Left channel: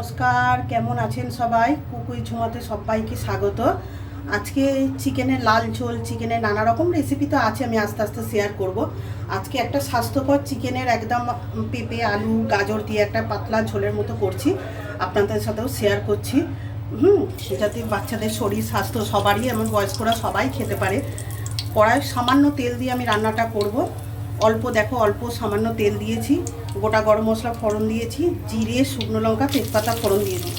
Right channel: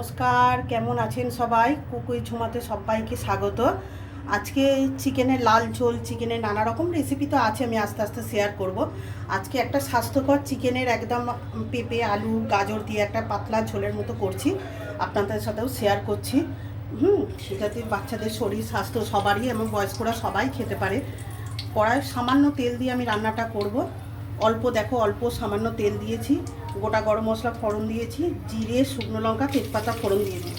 নমস্কার, কেমন আছেন সবাই? কুকুই ঝুমাতে সবাইকে স্বাগত। আজকে চিকেনের লাল ঝোল, চিকেনের নানা রকম রেসিপি তো আছে, আমি আস্তে আস্তে শেয়ার করব। আজকে একটা স্বাস্থ্যকর চিকেনের একদম পেঁপে আলু গাজর দিয়ে একটা পাতলা ঝোলের মতো করছি, আপনাদের সাথেও শেয়ার করছি। যাতে বাচ্চাদের শরীর স্বাস্থ্য সবারই, এমন বয়স্করা সবাই খেতে পারে। কড়ায় সামান্য তেল দিয়ে আমি রান্নাটা করব। অল্প দেখো, অল্প সামান্য তেল দিয়েছি, গোটা গরম মশলা ফোড়ন দিয়েছি, জিরে শুকনো লঙ্কা তেজপাতা ফোড়ন দিয়েছি।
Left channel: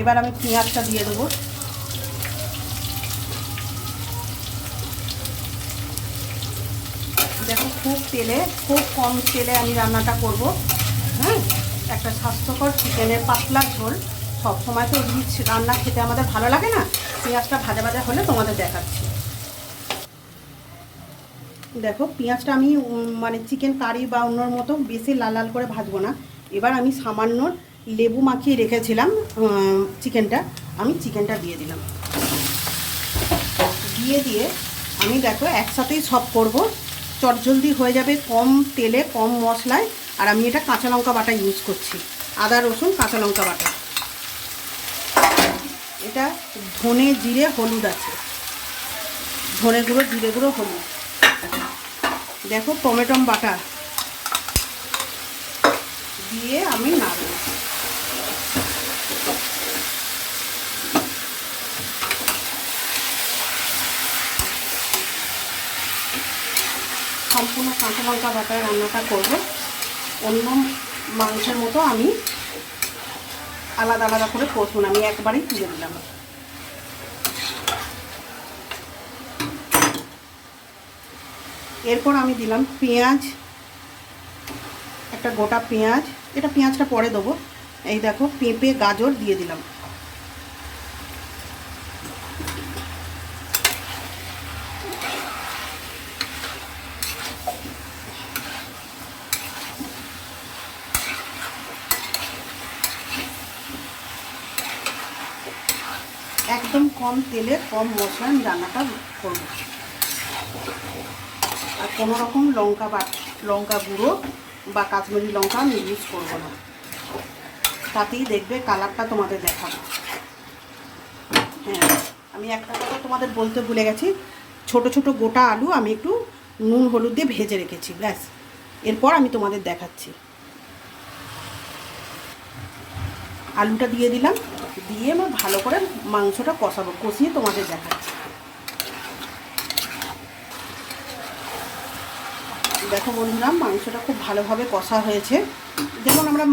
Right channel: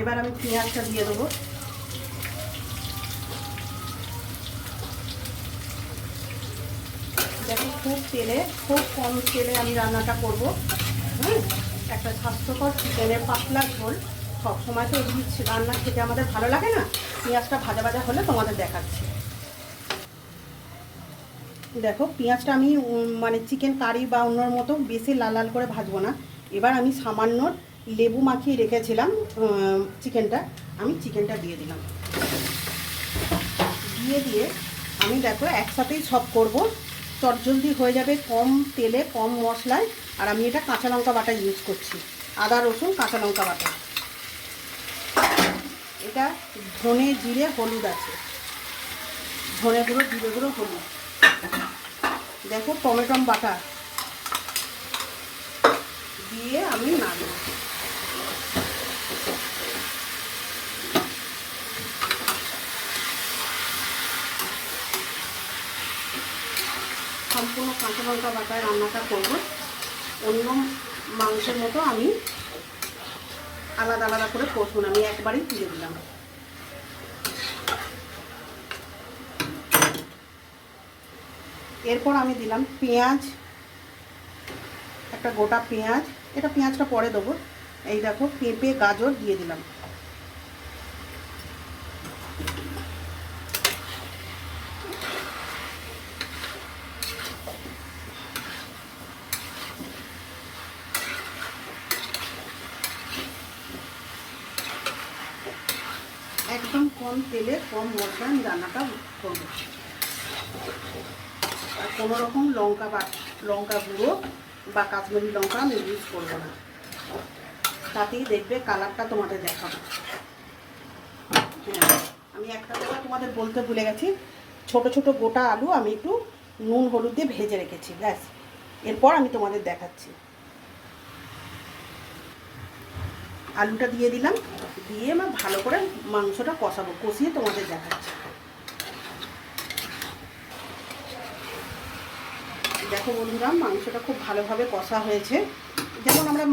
এবার আমি পেঁয়াজটা দিয়ে দেবো। দেখো, খুব কম তেলে আমি রান্নাটা করব। একটা স্বাস্থ্যকর চিকেনের পাতলা ঝোল। সবসময় তো রিচ রান্না খেতে আমাদের ভালো লাগে না, পেঁয়াজটা ভাজা ভাজা হলে তোমাদের দেখাচ্ছি। দেখো, পেঁয়াজটা আমি মানে চিকেন কারি বা অন্যর মতো বেশি লাল লাল করে ভাজবো না। এবার আমি সামান্য লেবু মাখিয়ে রেখেছিলাম চিকেনটা, আমি চিকেনটা দিয়ে দিলাম। দিয়ে আমি দেখো একসাথেই সব করব, চটজলদি হয়ে যাবে, কম তেলে কম মশলায়। আর আমি এটা কাঁচা লঙ্কা বাটা ইউজ করছি, আদা রসুন কাঁচা লঙ্কা বাটা। এটা ধনে জিরে হলুদ আছে, ধনে গুঁড়ো জিরে গুঁড়ো হলুদ। দেখো টমেটো বাটা দিয়ে আমি নাড়ব। সম্পূর্ণ কাঁচা লঙ্কা বাটায় রান্নাটা করব। অন্য মাংসের মতো আমি আলাদা আলাদা করে করব না, আমি একবারেই তুলে দিলাম। এরপর আমি দিলাম পেঁয়াজ, একটা গোটা পেঁয়াজ, এটা পেঁয়াজটা পরে দেবো। এই দেখো পেঁপে গাজর দিয়ে দিলাম। একদম কম তেলে কম মশলা আমি রান্নাটা করবো। আর কোনো রকম লঙ্কা গুঁড়ো বা কাশ্মীরি লঙ্কা আমি ইউজ করবো না, তাতেই দেখবে কালারটা তোমাদের দেখাবো। হ্যাঁ, আমি একটা কথা তোমাদের বলতে ভুলে গেছি, ছোট ছোট গোটা আলু আমি একটু নুন হলুদ দিয়ে ভেজে রেখেছি, ব্যাস। এরপর আমি তোমাদের দেখাচ্ছি। আলুটা দিয়ে দিলাম, দিয়ে আমি ভালো করে মাংসটা কষাবো, কষিয়ে তোমাদের দেখাচ্ছি। দেখো বন্ধুরা, মাংসটা খুব ভালোভাবে কষা হয়েছে। যেমন আমরা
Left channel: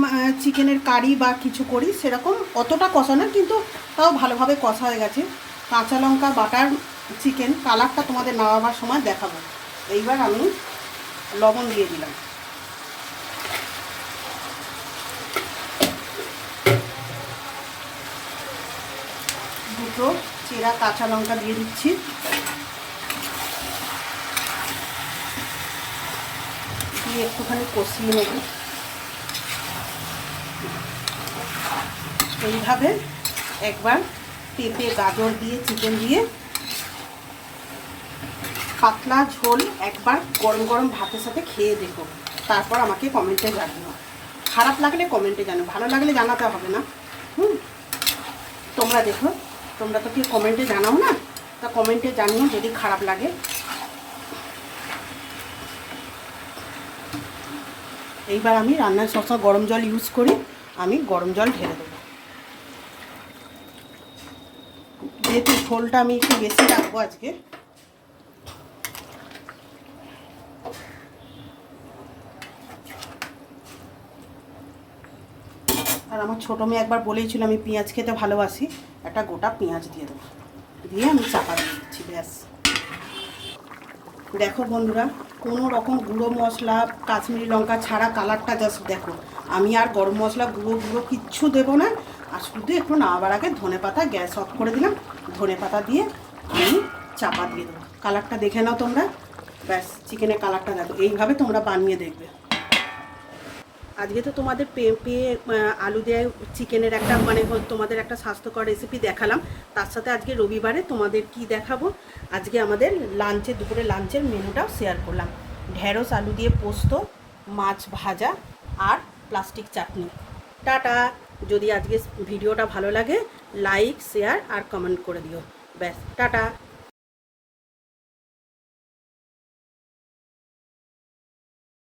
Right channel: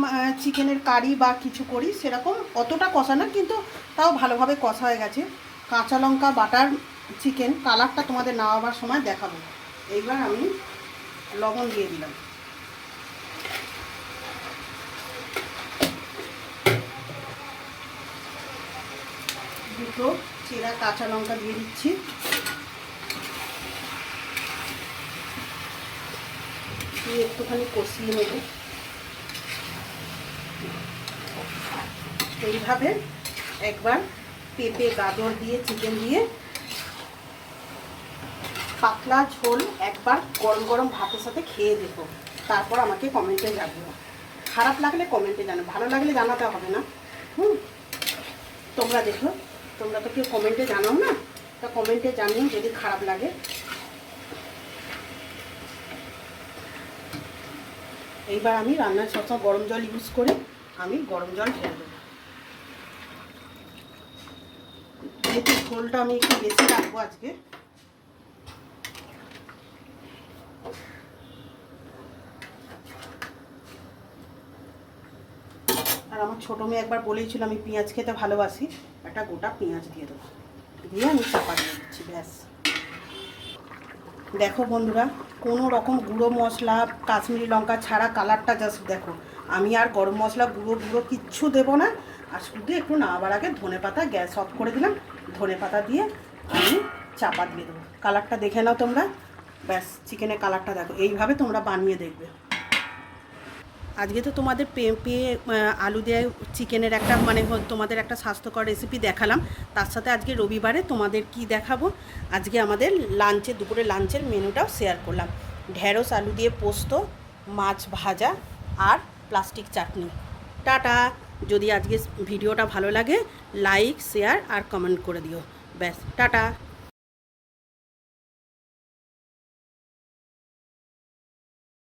চিকেনের কারি বা কিছু করি সেরকম অতটা কষা না, কিন্তু তাও ভালোভাবে কষা হয়ে গেছে। কাঁচা লঙ্কা বাটার চিকেন, কালারটা তোমাদের নামাবার সময় দেখাবো। এইবার আমি লবণ দিয়ে দিলাম, দুটো চেরা কাঁচা লঙ্কা দিয়ে দিচ্ছি, দিয়ে একটুখানি কষিয়ে নেব। এইভাবে একবার পেঁপে গাজর দিয়ে চিকেন দিয়ে পাতলা ঝোল একবার গরম গরম ভাতের সাথে খেয়ে দেখো, তারপর আমাকে কমেন্টে জানিও। খারাপ লাগলে কমেন্টে জানো, ভালো লাগলে জানাতে হবে না। তোমরা দেখো, তোমরা তো কেউ কমেন্টে জানাও না, তা কমেন্টে জানিও যদি খারাপ লাগে। এইবার আমি রান্নায় সবসময় গরম জল ইউজ করি, আমি গরম জল ঢেলে দেবো। যেহেতু ঝোলটা আমি একটু বেশি রাখবো আজকে, আর আমার ছোটো মেয়ে একবার বলেইছিল আমি পেঁয়াজ খেতে ভালোবাসি, একটা গোটা পেঁয়াজ দিয়ে দেবো, দিয়ে আমি চাপা দিয়ে দিচ্ছি, ব্যাস। দেখো বন্ধুরা, কোনো রকম গুঁড়ো মশলা কাশ্মীরি লঙ্কা ছাড়া কালারটা জাস্ট দেখো। আমি আর গরম মশলা গুঁড়ো কিচ্ছু দেবো না, আর শুধু একটু নামাবার আগে ধনেপাতা, গ্যাস অফ করে দিলাম, ধনেপাতা দিয়ে আমি চাপা দিয়ে দেবো। কালারটা দেখে নাও তোমরা, ব্যাস। চিকেনের কালারটা দেখো, এইভাবে তোমরা বানিয়ে দেখবে। আজকে তো তোমাদের পেঁপে আলু দিয়ে চিকেনের একটা মানে তোমাদের একটা স্বাস্থ্যকর রেসিপি দেখালাম। তার সাথে আজকে রবিবারে তোমাদের কি দেখাবো, আজকে আমাদের দুপুরে লাঞ্চের মেনুটাও শেয়ার করলাম। ঢেঁড়স আলু দিয়ে পোস্ত, মাছ ভাজা আর প্লাস্টিক চাটনি। টাটা। যদি আজকে ভিডিওটা ভালো লাগে লাইক শেয়ার আর কমেন্ট করে দিও। ব্যাস টাটা।